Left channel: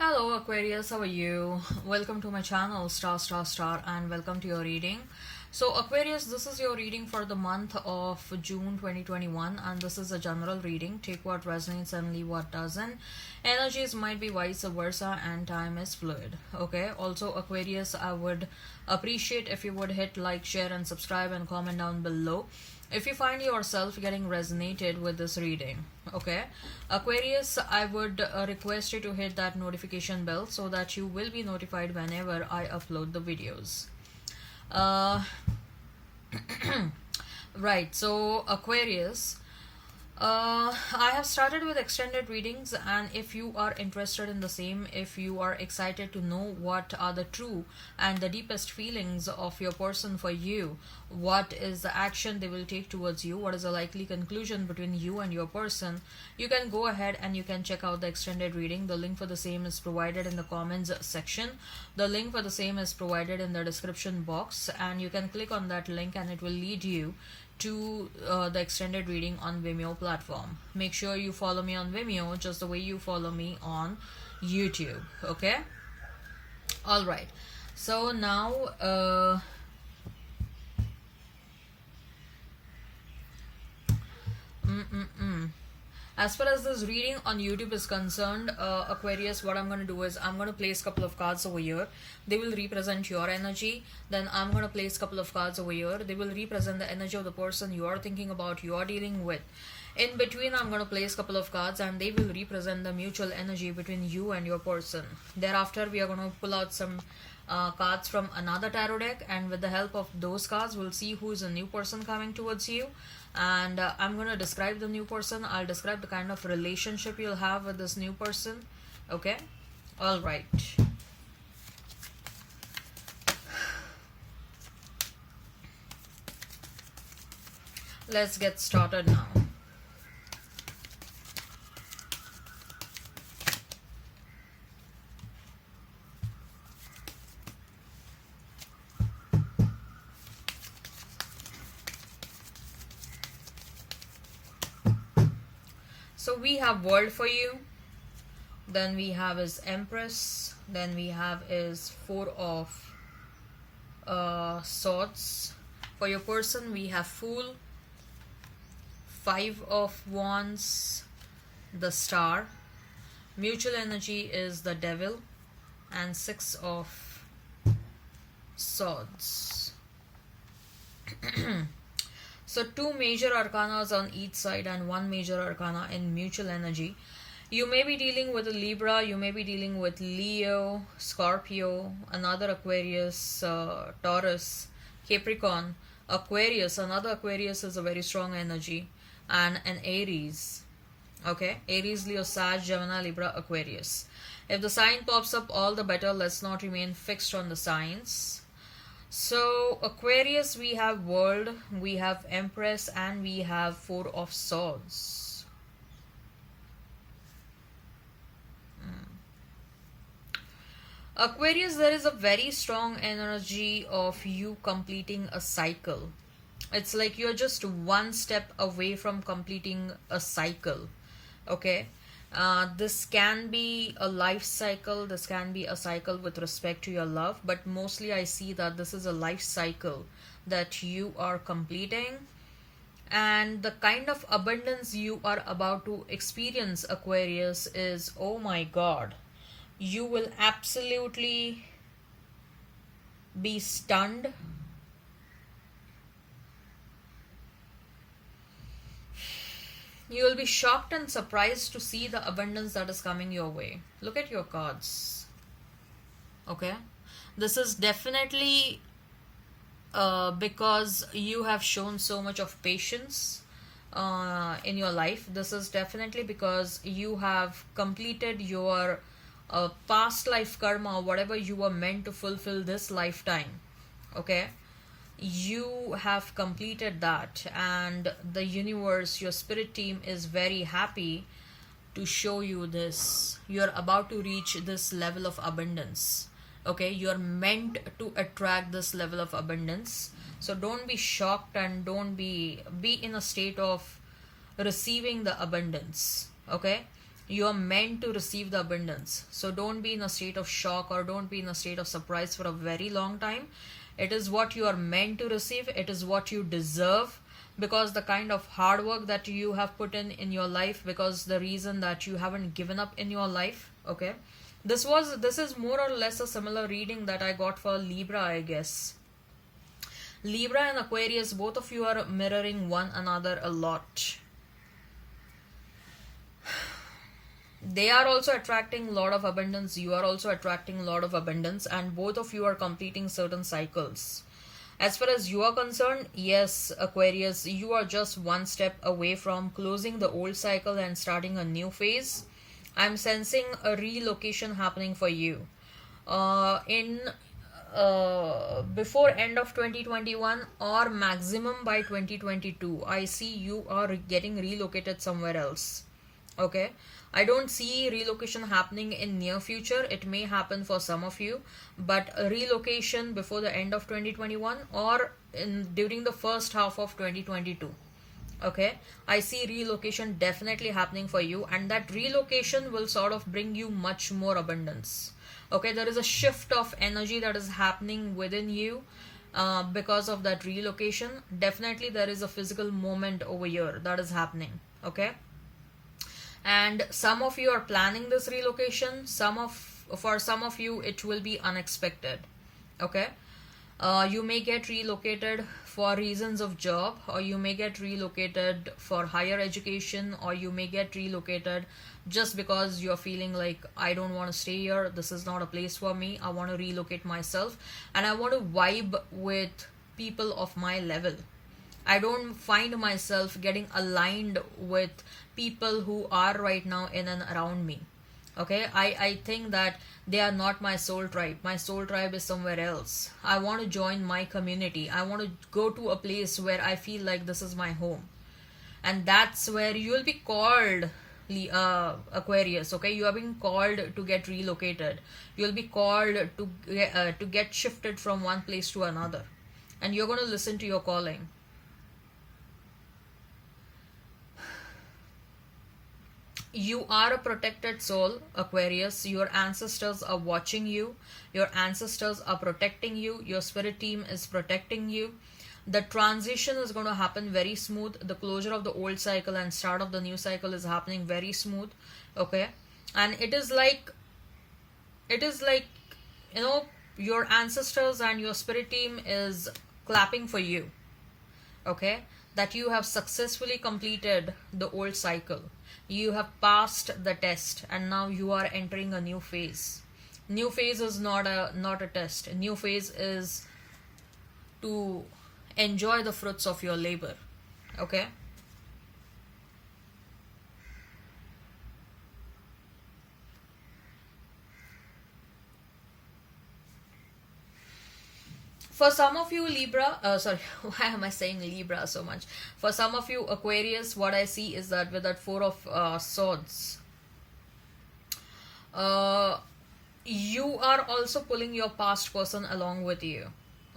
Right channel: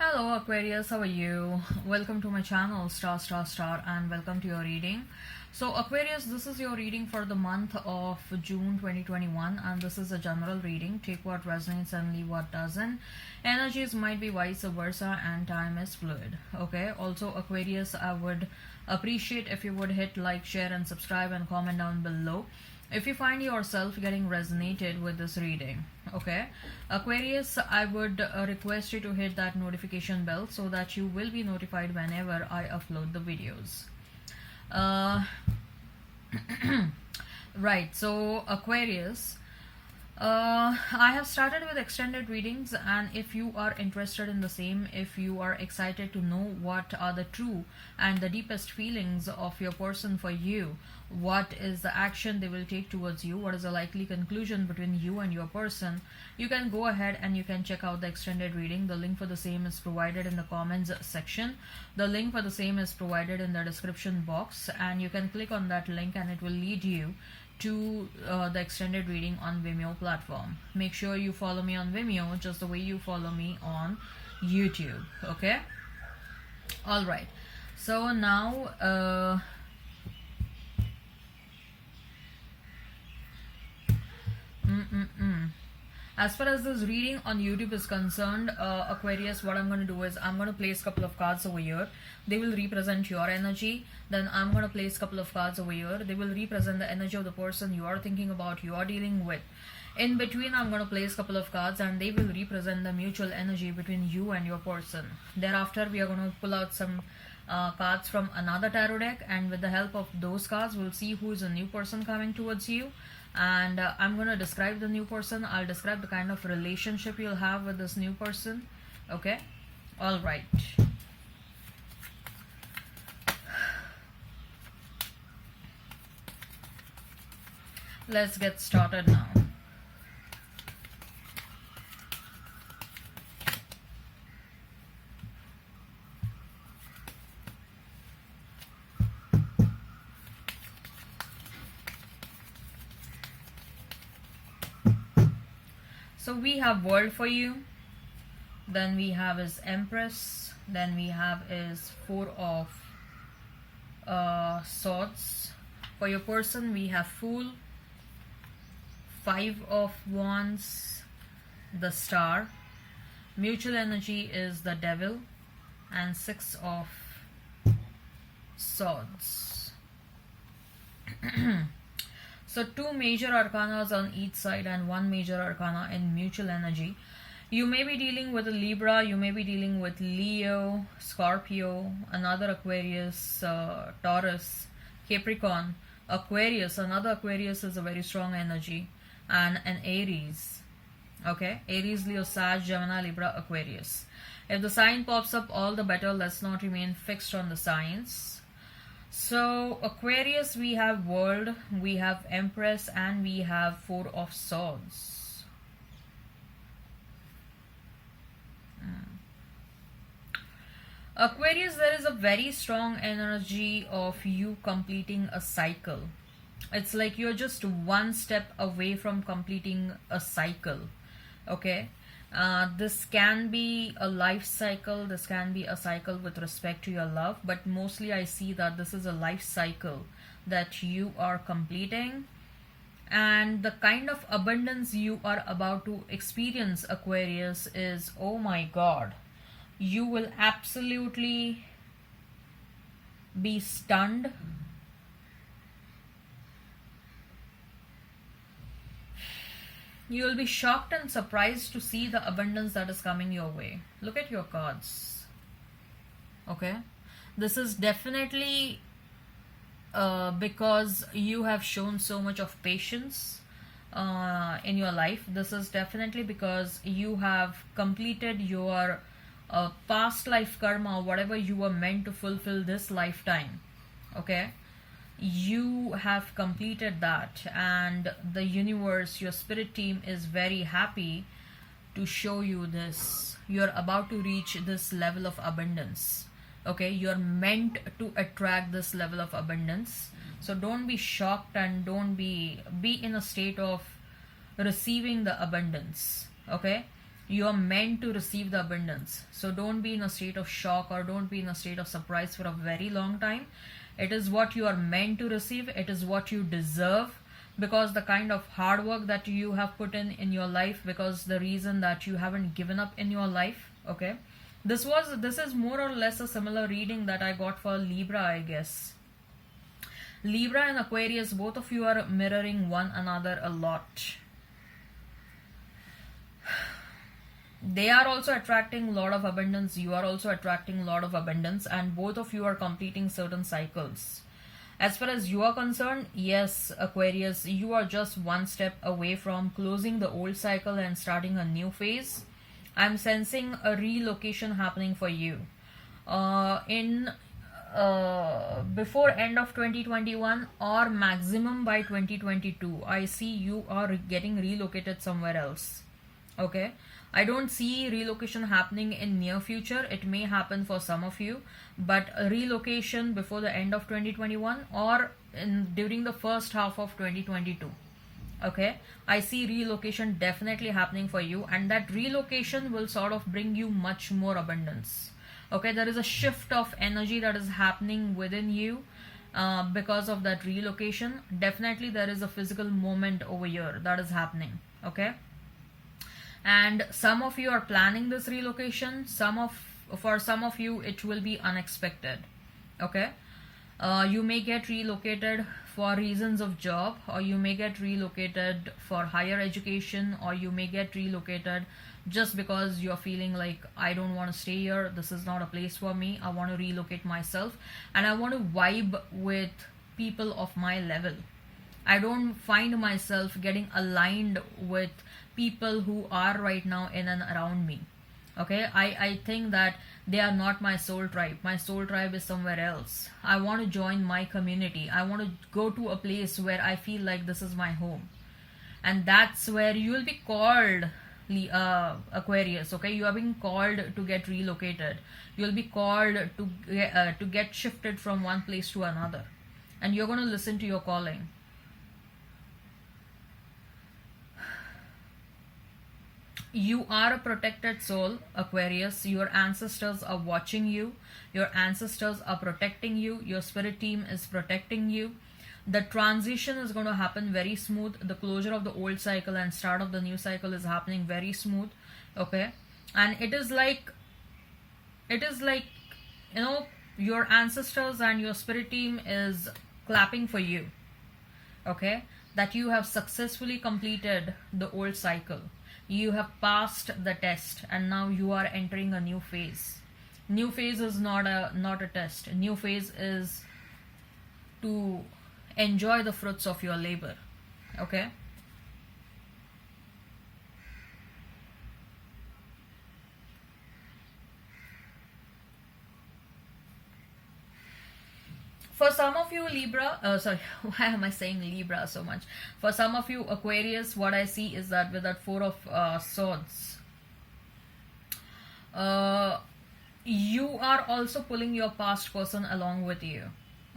Hello Aquarius, how are you? Welcome to my channel Star, and welcome to your reading. So Aquarius, this is your reading for the month of June 2021, and this is a general reading. Take what resonates and leave what doesn't. Energies might be vice versa and time is fluid. Okay, also Aquarius, I would appreciate if you would hit like, share and subscribe and comment down below if you find yourself getting resonated with this reading. Okay, Aquarius, I would request you to hit that notification bell so that you will be notified whenever I upload the videos. uh, right, so Aquarius, I have started with extended readings, and if you are interested in the same, if you are excited to know what are the true and the deepest feelings of your person for you, what is the action they will take towards you, what is the likely conclusion between you and your person, you can go ahead and you can check out the extended reading. The link for the same is provided in the comments section. The link for the same is provided in the description box, and you can click on that link and it will lead you to the extended reading on Vimeo platform. Make sure you follow me on Vimeo just the way you follow me on YouTube. Okay, all right, so now as far as this reading on YouTube is concerned, Aquarius, what I'm going to do is I'm going to place a couple of cards over here. They will represent your energy. Then I'm going to place a couple of cards over here. They will represent the energy of the person you are thinking about, you are dealing with. In between, I'm going to place a couple of cards and they will represent the mutual energy between you and your person. Thereafter, we are going to pull out some cards from another tarot deck, and with the help of those cards, we'll see who is a new person coming towards you. And I'm going to describe the new person. I'll describe the kind of relationship you'll have with this new person. Okay, all right. Let's get started now. So we have World for you, then we have is Empress, then we have is Four of Swords. For your person, we have Fool, Five of Wands, the Star. Mutual energy is the Devil, and Six of Swords. So two major arcanas on each side and one major arcana in mutual energy. You may be dealing with a Libra, you may be dealing with Leo, Scorpio, another Aquarius, Taurus, Capricorn, Aquarius. Another Aquarius is a very strong energy, and an Aries. Okay, Aries, Leo, Sag, Gemini, Libra, Aquarius. If the sign pops up, all the better. Let's not remain fixed on the signs. So Aquarius, we have World, we have Empress, and we have Four of Swords. Aquarius, there is a very strong energy of you completing a cycle. It's like you're just one step away from completing a cycle. Okay, this can be a life cycle, this can be a cycle with respect to your love, but mostly I see that this is a life cycle that you are completing. And the kind of abundance you are about to experience, Aquarius, is, oh my god, you will absolutely be stunned. You will be shocked and surprised to see the abundance that is coming your way. Look at your cards. Okay, this is definitely because you have shown so much of patience in your life. This is definitely because you have completed your past life karma, whatever you were meant to fulfill this lifetime. Okay, you have completed that, and the universe, your spirit team, is very happy to show you this. You're about to reach this level of abundance. Okay, you're meant to attract this level of abundance. So don't be shocked and don't be in a state of receiving the abundance. Okay, You are meant to receive the abundance. So don't be in a state of shock or don't be in a state of surprise for a very long time. It is what you are meant to receive. It is what you deserve, because the kind of hard work that you have put in your life, because the reason that you haven't given up in your life. Okay, this is more or less a similar reading that I got for Libra, I guess. Libra and Aquarius, both of you are mirroring one another a lot. They are also attracting a lot of abundance. You are also attracting a lot of abundance, and both of you are completing certain cycles. As far as you are concerned, yes, Aquarius, you are just one step away from closing the old cycle and starting a new phase. I'm sensing a relocation happening for you. In Before end of 2021 or maximum by 2022, I see you are getting relocated somewhere else. Okay, I don't see relocation happening in near future. It may happen for some of you, but a relocation before the end of 2021 or during the first half of 2022. Okay, I see relocation definitely happening for you, and that relocation will sort of bring you much more abundance. Okay, there is a shift of energy that is happening within you because of that relocation. Definitely there is a physical moment over here that is happening. Okay, and some of you are planning this relocation. For some of you it will be unexpected. Okay, you may get relocated for reasons of job, or you may get relocated for higher education, or you may get relocated just because you're feeling like, I don't want to stay here, this is not a place for me, I want to relocate myself and I want to vibe with people of my level. I don't find myself getting aligned with people who are right now in and around me. Okay, I think that they are not my soul tribe. My soul tribe is somewhere else. I want to join my community. I want to go to a place where I feel like this is my home. And that's where you will be called, Aquarius. Okay, you are being called to get relocated. You'll be called to get shifted from one place to another. And you're going to listen to your calling. You are a protected soul, Aquarius. Your ancestors are watching you. Your ancestors are protecting you. Your spirit team is protecting you. The transition is going to happen very smooth. The closure of the old cycle and start of the new cycle is happening very smooth. Okay, and it is like your ancestors and your spirit team is clapping for you. Okay, that you have successfully completed the old cycle. You have passed the test and now you are entering a new phase. New phase is not a test. New phase is to enjoy the fruits of your labor. Okay, for some of you Libra, sorry, why am I saying Libra so much? For some of you Aquarius, what I see is that with that Four of Swords, you are also pulling your past person along with you.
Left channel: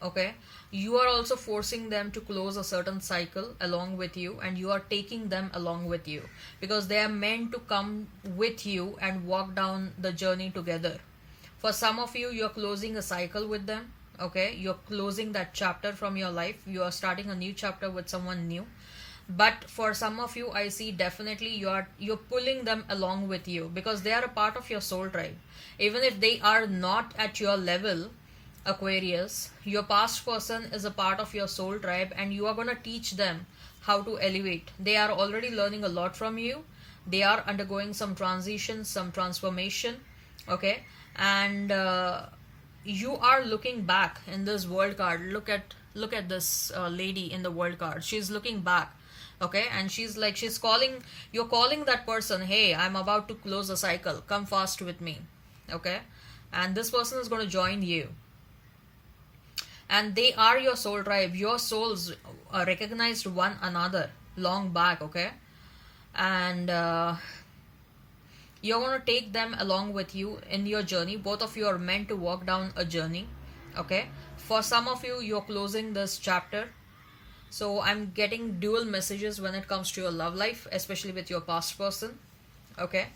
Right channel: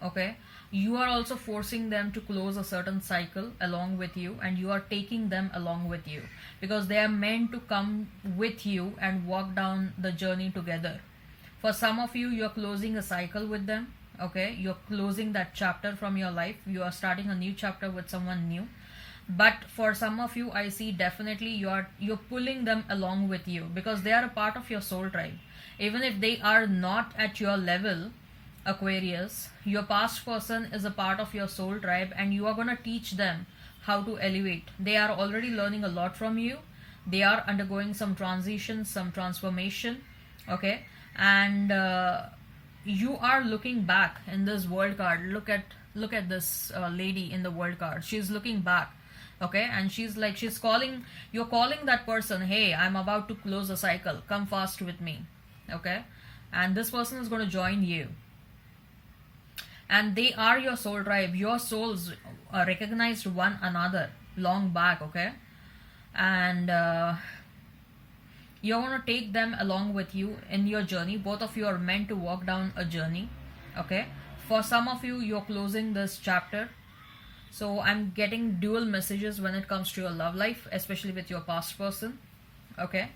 Okay, you are also forcing them to close a certain cycle along with you, and you are taking them along with you because they are meant to come with you and walk down the journey together. For some of you, you're closing a cycle with them. Okay, you're closing that chapter from your life. You are starting a new chapter with someone new. But for some of you, I see definitely you're pulling them along with you because they are a part of your soul tribe. Even if they are not at your level, Aquarius, your past person is a part of your soul tribe, and you are going to teach them how to elevate. They are already learning a lot from you. They are undergoing some transition, some transformation. Okay, and you are looking back in this world card. Look at this lady in the world card. She's looking back. Okay, and she's calling, you're calling that person, hey, I'm about to close the cycle, come fast with me. Okay, and this person is going to join you, and they are your soul tribe. Your souls recognized one another long back. Okay, and you're going to take them along with you in your journey. Both of you are meant to walk down a journey. Okay, for some of you, you're closing this chapter. So I'm getting dual messages when it comes to your love life, especially with your past person. Okay,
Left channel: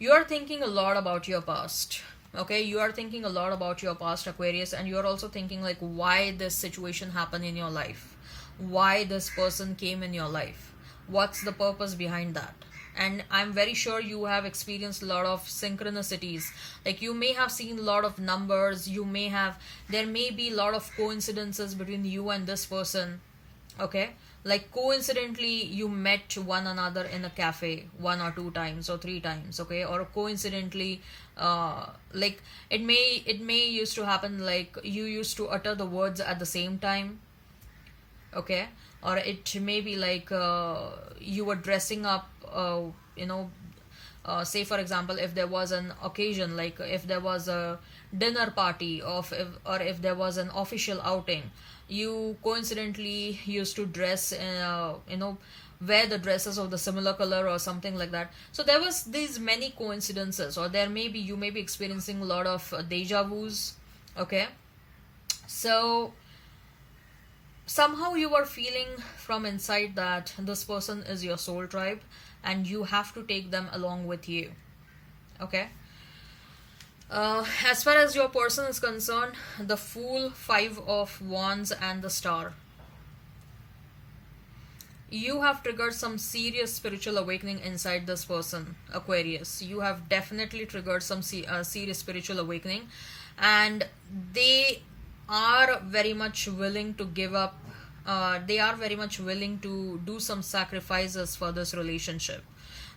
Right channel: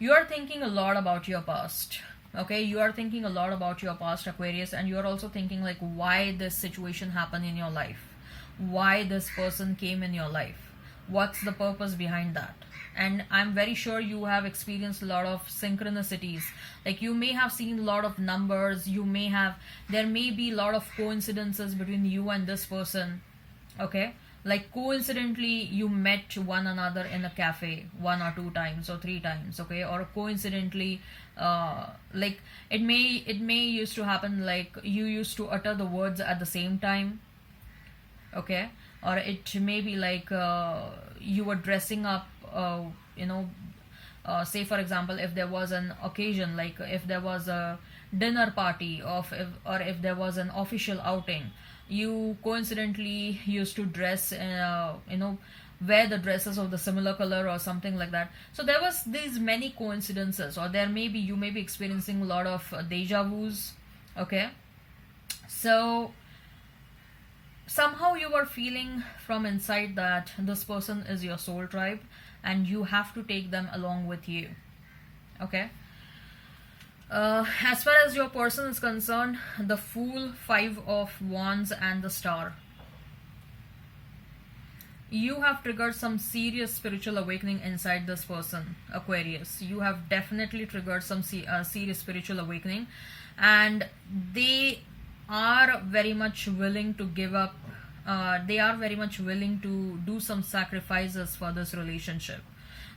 You are thinking a lot about your past. Okay, you are thinking a lot about your past, Aquarius, and you are also thinking like why this situation happened in your life, why this person came in your life, what's the purpose behind that. And I'm very sure you have experienced a lot of synchronicities, like you may have seen a lot of numbers, there may be a lot of coincidences between you and this person. Okay, like coincidentally you met one another in a cafe one or two times or three times. Okay, or coincidentally like it may used to happen like you used to utter the words at the same time. Okay, or it may be like you were dressing up, you know say for example, if there was an occasion, like if there was a dinner party or if there was an official outing, you coincidentally used to dress wear the dresses of the similar color or something like that. So there was these many coincidences, or you may be experiencing a lot of deja vus. Okay, so somehow you are feeling from inside that this person is your soul tribe and you have to take them along with you. Okay, as far as your person is concerned, the Fool, Five of Wands, and the Star. You have triggered some serious spiritual awakening inside this person, Aquarius. You have definitely triggered some serious spiritual awakening, and they are very much willing to give up. They are very much willing to do some sacrifices for this relationship.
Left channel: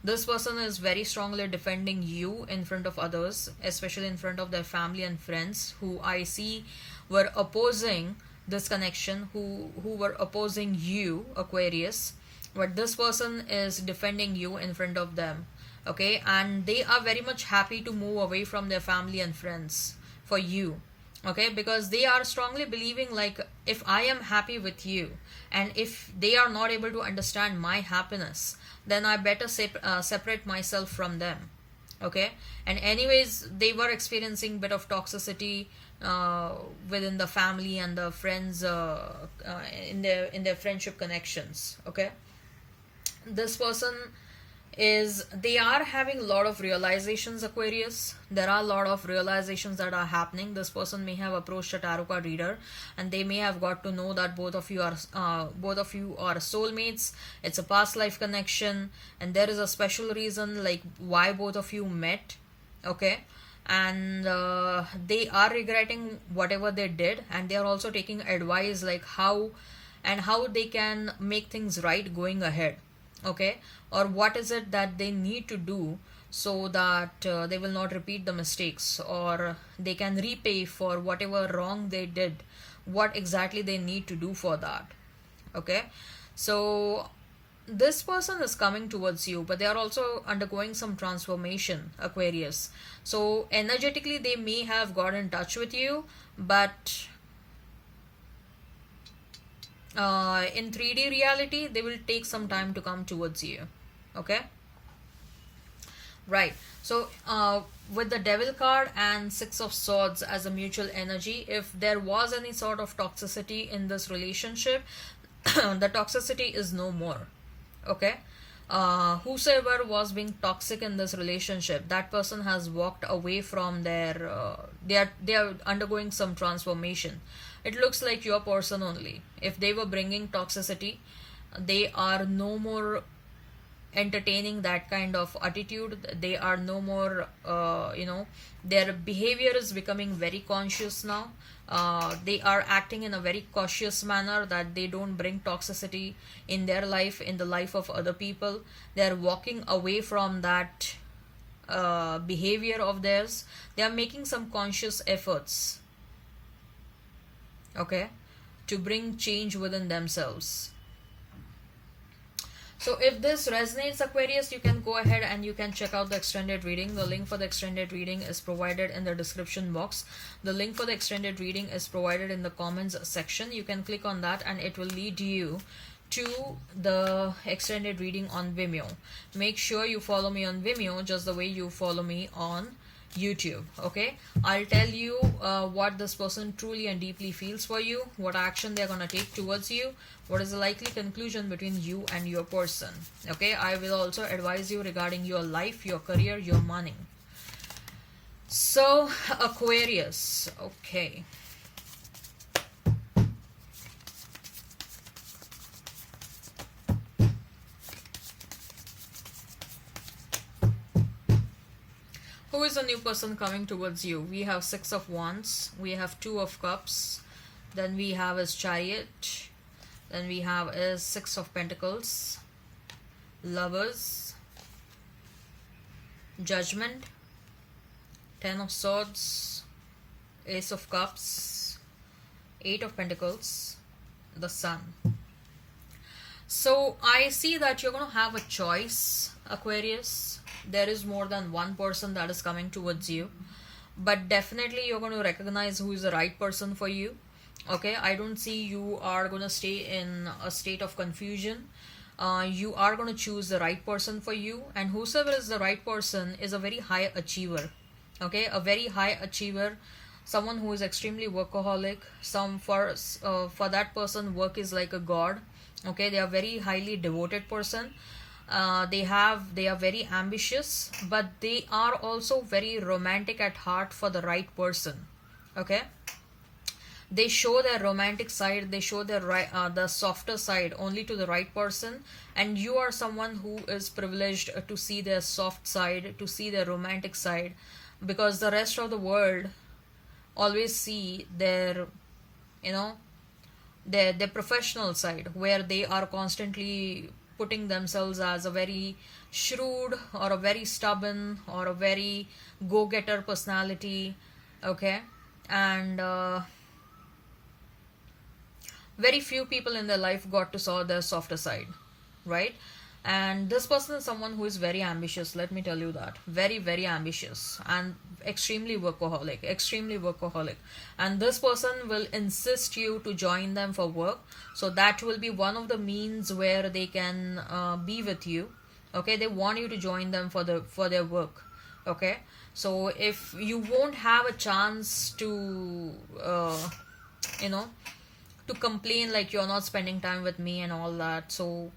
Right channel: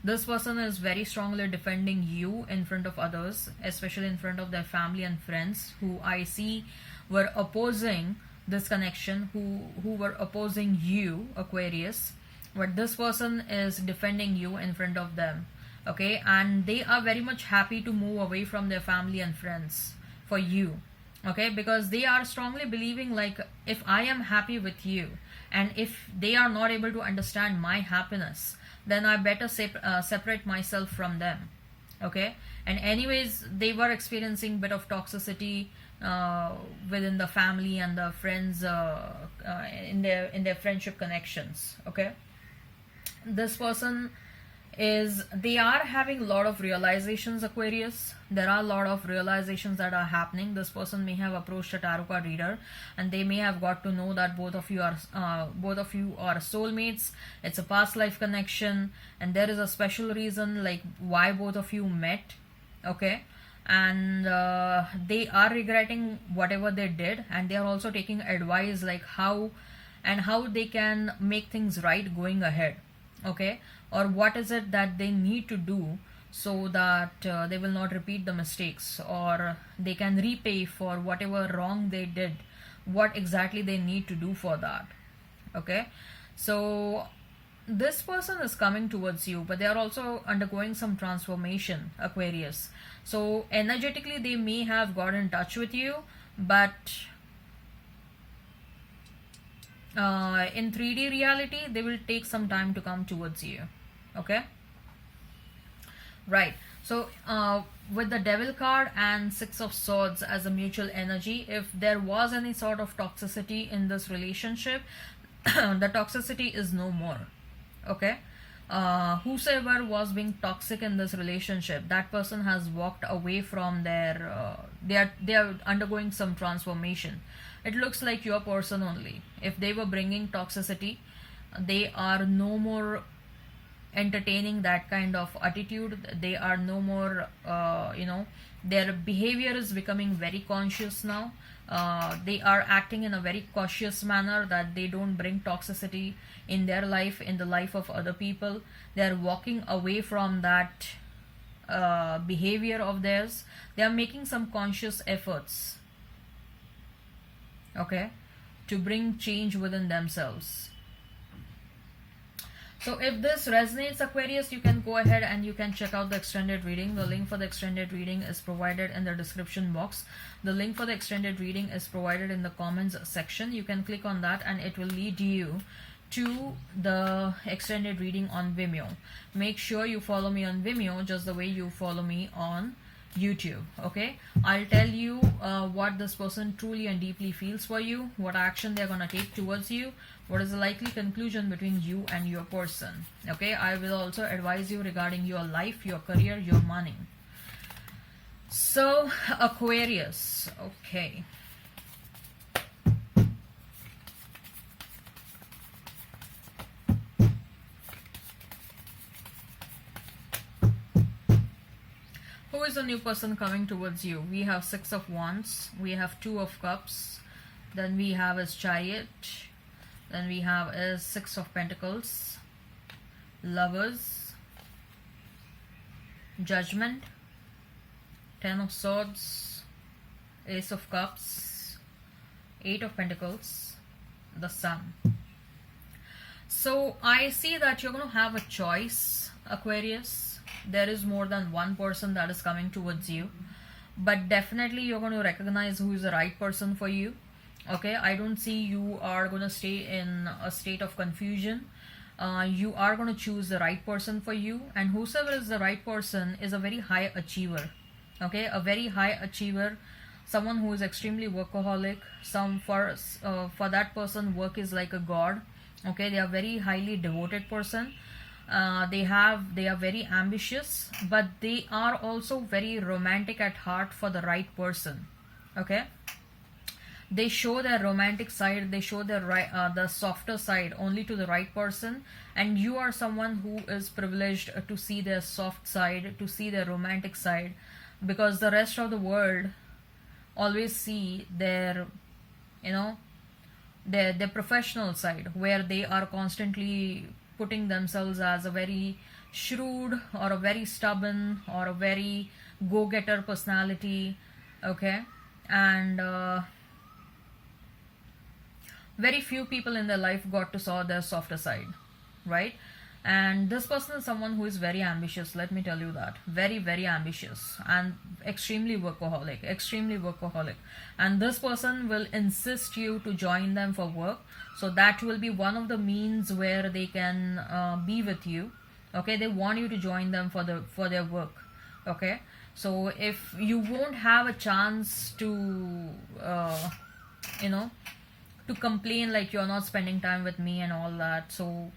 This person is very strongly defending you in front of others, especially in front of their family and friends who I see were opposing this connection, who were opposing you, Aquarius. But this person is defending you in front of them. Okay, and they are very much happy to move away from their family and friends for you. Okay, because they are strongly believing like, if I am happy with you and if they are not able to understand my happiness, then I better separate myself from them. Okay, and anyways, they were experiencing bit of toxicity within the family and the friends, in their friendship connections. Okay, this person they are having a lot of realizations, Aquarius. There are a lot of realizations that are happening. This person may have approached a tarot card reader and they may have got to know that both of you are soulmates. It's a past life connection and there is a special reason like why both of you met. Okay, and they are regretting whatever they did, and they are also taking advice like how they can make things right going ahead. Okay, or what is it that they need to do so that they will not repeat the mistakes, or they can repay for whatever wrong they did, what exactly they need to do for that. Okay, so this person is coming towards you, but they are also undergoing some transformation, Aquarius. So energetically they may have got in touch with you, but in 3D reality they will take some time to come towards you. Okay, right. So with the Devil card and Six of Swords as a mutual energy, if there was any sort of toxicity in this relationship, the toxicity is no more. Okay, whosoever was being toxic in this relationship, that person has walked away from their they are undergoing some transformation. It looks like your person only. If they were bringing toxicity, they are no more entertaining that kind of attitude. They are no more their behavior is becoming very conscious now. They are acting in a very cautious manner, that they don't bring toxicity in their life, in the life of other people. They are walking away from that behavior of theirs. They are making some conscious efforts, okay, to bring change within themselves. So if this resonates, Aquarius, you can go ahead and you can check out the extended reading. The link for the extended reading is provided in the description box. The link for the extended reading is provided in the comments section. You can click on that and it will lead you to the extended reading on Vimeo. Make sure you follow me on Vimeo just the way you follow me on YouTube. Okay, I'll tell you what this person truly and deeply feels for you, what action they're gonna take towards you, what is the likely conclusion between you and your person. Okay, I will also advise you regarding your life, your career, your money. So, Aquarius. Okay. Who is the new person coming towards you? We have Six of Wands, we have Two of Cups, then we have his Chariot, then we have his Six of Pentacles, Lovers, Judgment, Ten of Swords, Ace of Cups, Eight of Pentacles, the Sun. So I see that you're going to have a choice, Aquarius. There is more than one person that is coming towards you, but definitely you're going to recognize who is the right person for you. Okay, I don't see you are going to stay in a state of confusion. You are going to choose the right person for you, and whosoever is the right person is a very high achiever. Okay, a very high achiever, someone who is extremely workaholic. For that person, work is like a god. Okay, they are very highly devoted person. They are very ambitious, but they are also very romantic at heart for the right person. Okay, they show their romantic side, they show their the softer side only to the right person, and you are someone who is privileged to see their soft side, to see their romantic side, because the rest of the world always see their, you know, their professional side, where they are constantly putting themselves as a very shrewd or a very stubborn or a very go-getter personality. Okay, and very few people in their life got to saw their softer side, right? And this person is someone who is very ambitious, let me tell you that. Very, very ambitious and extremely workaholic. And this person will insist you to join them for work. So that will be one of the means where they can be with you. Okay, they want you to join them for their work. Okay, so if you won't have a chance to to complain like you're not spending time with me and all that, so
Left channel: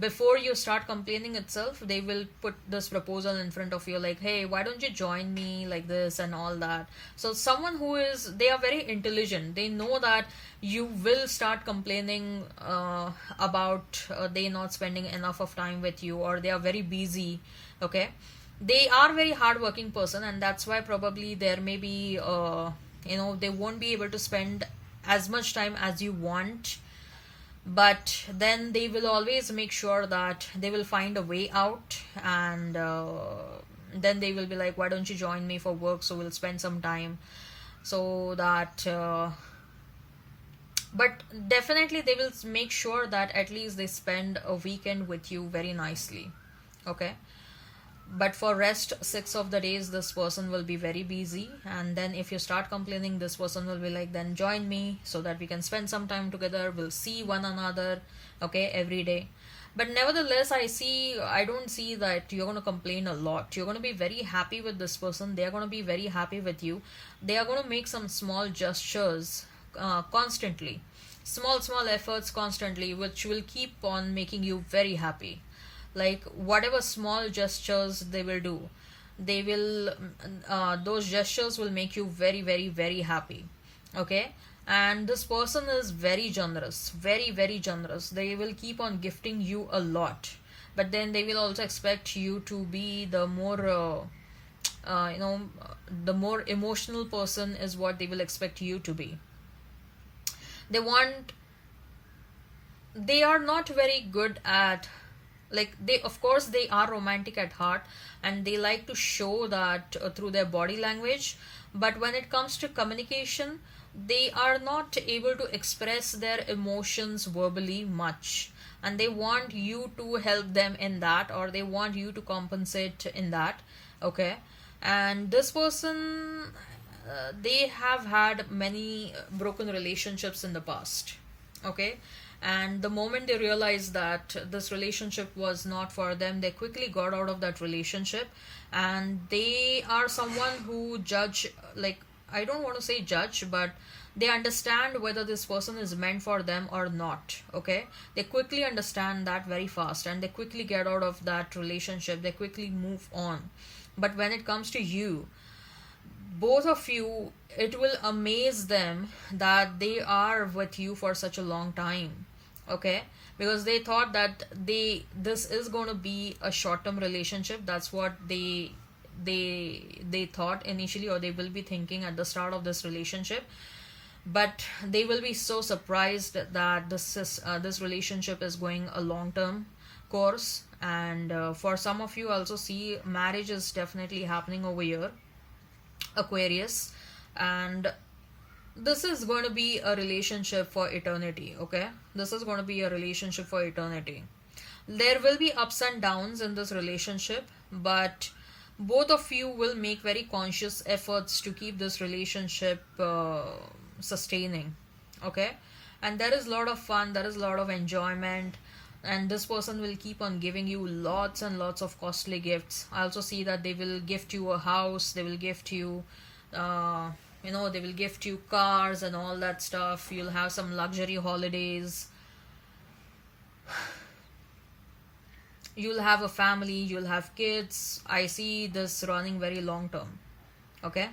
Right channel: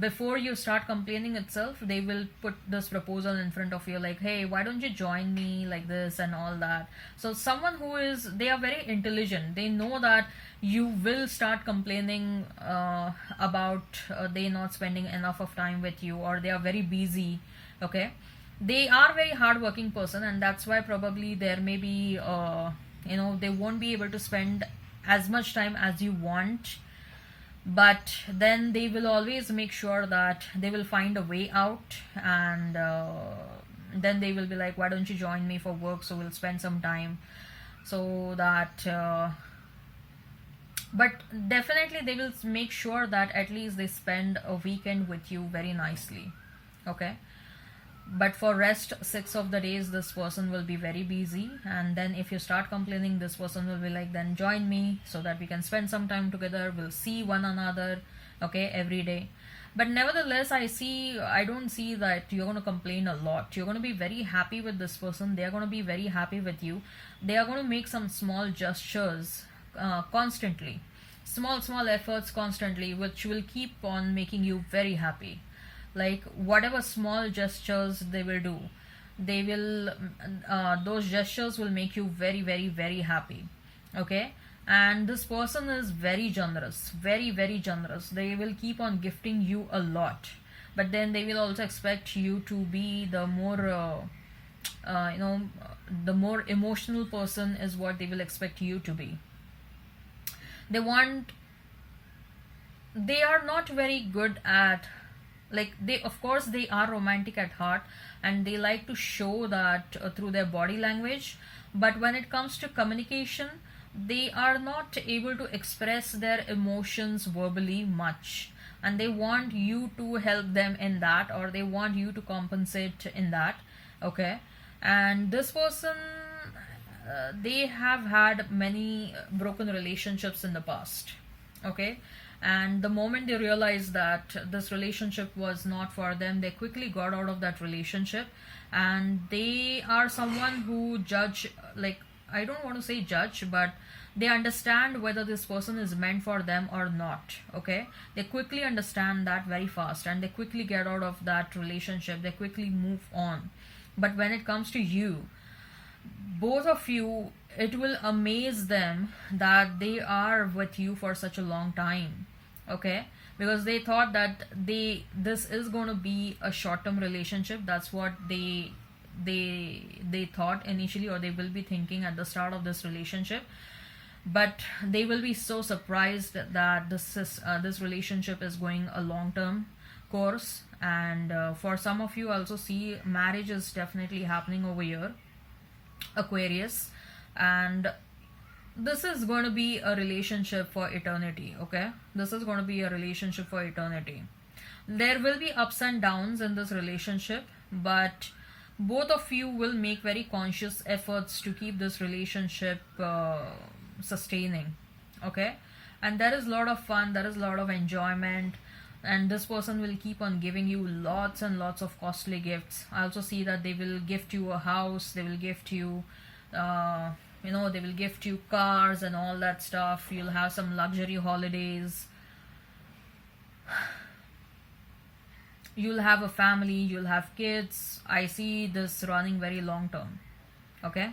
before you start complaining itself, they will put this proposal in front of you like, hey, why don't you join me like this and all that. So someone who is, they are very intelligent, they know that you will start complaining about they not spending enough of time with you, or they are very busy. Okay, they are very hardworking person, and that's why probably there may be they won't be able to spend as much time as you want, but then they will always make sure that they will find a way out, and then they will be like, why don't you join me for work, so we'll spend some time. So that but definitely they will make sure that at least they spend a weekend with you very nicely. Okay, but for rest 6 of the days this person will be very busy, and then if you start complaining, this person will be like, then join me so that we can spend some time together, we'll see one another, okay, every day. But nevertheless, I don't see that you're going to complain a lot. You're going to be very happy with this person, they're going to be very happy with you. They are going to make some small gestures constantly, small efforts constantly, which will keep on making you very happy. Like whatever small gestures they will do, they will those gestures will make you very, very, very happy. Okay, and this person is very generous, very, very generous. They will keep on gifting you a lot, but then they will also expect you to be the more the more emotional person is what they will expect you to be. They are not very good at, like, they, of course they are romantic at heart, and they like to show that through their body language, but when it comes to communication, they are not able to express their emotions verbally much, and they want you to help them in that, or they want you to compensate in that. Okay, and this person, they have had many broken relationships in the past. Okay, and the moment they realized that this relationship was not for them, they quickly got out of that relationship, and they are someone who judge, like, I don't want to say judge, but they understand whether this person is meant for them or not. Okay, they quickly understand that very fast, and they quickly get out of that relationship, they quickly move on. But when it comes to you, both of you, it will amaze them that they are with you for such a long time. Okay, because they thought that this is going to be a short term relationship. That's what they thought initially, or they will be thinking at the start of this relationship. But they will be so surprised that this relationship is going a long term course. And for some of you, also see marriage is definitely happening over here, Aquarius. And this is going to be a relationship for eternity. Okay, this is going to be a relationship for eternity. There will be ups and downs in this relationship, but both of you will make very conscious efforts to keep this relationship sustaining. Okay, and there is a lot of fun, there is a lot of enjoyment, and this person will keep on giving you lots and lots of costly gifts. I also see that they will gift you a house, they will gift you uh, they will gift you cars and all that stuff. You'll have some luxury holidays, you'll have a family, you'll have kids. I see this running very long term. Okay,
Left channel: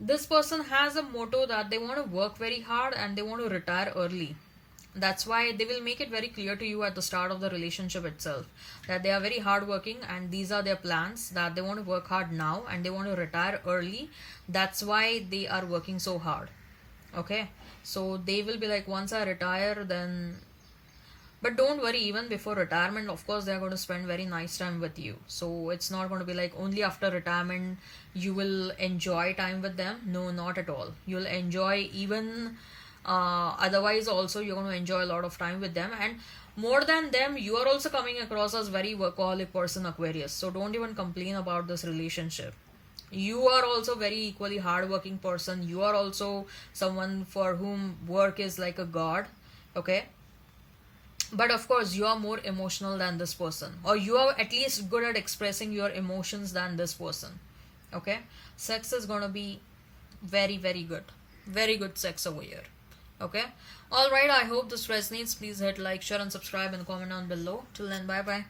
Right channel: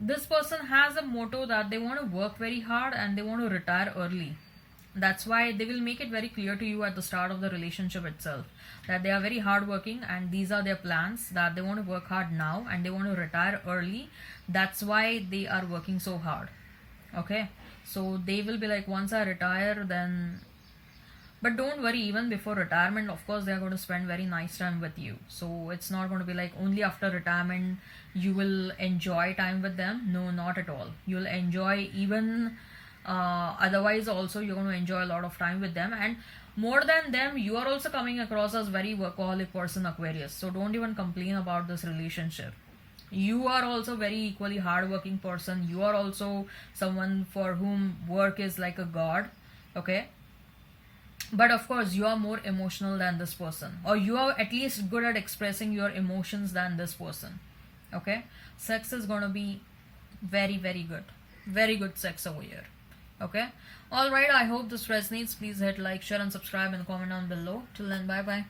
this person has a motto that they want to work very hard and they want to retire early. That's why they will make it very clear to you at the start of the relationship itself that they are very hardworking, and these are their plans, that they want to work hard now and they want to retire early. That's why they are working so hard. Okay, so they will be like, once I retire, then. But don't worry, even before retirement, of course, they are going to spend very nice time with you. So it's not going to be like only after retirement you will enjoy time with them. No, not at all. You'll enjoy even otherwise also. You're going to enjoy a lot of time with them. And more than them, you are also coming across as very workaholic person, Aquarius. So don't even complain about this relationship. You are also very equally hardworking person. You are also someone for whom work is like a god. Okay, but of course you are more emotional than this person, or you are at least good at expressing your emotions than this person. Okay, sex is going to be very very good, very good sex over here. Okay, all right, I hope this resonates. Please hit like, share and subscribe and comment down below. Till then, bye bye.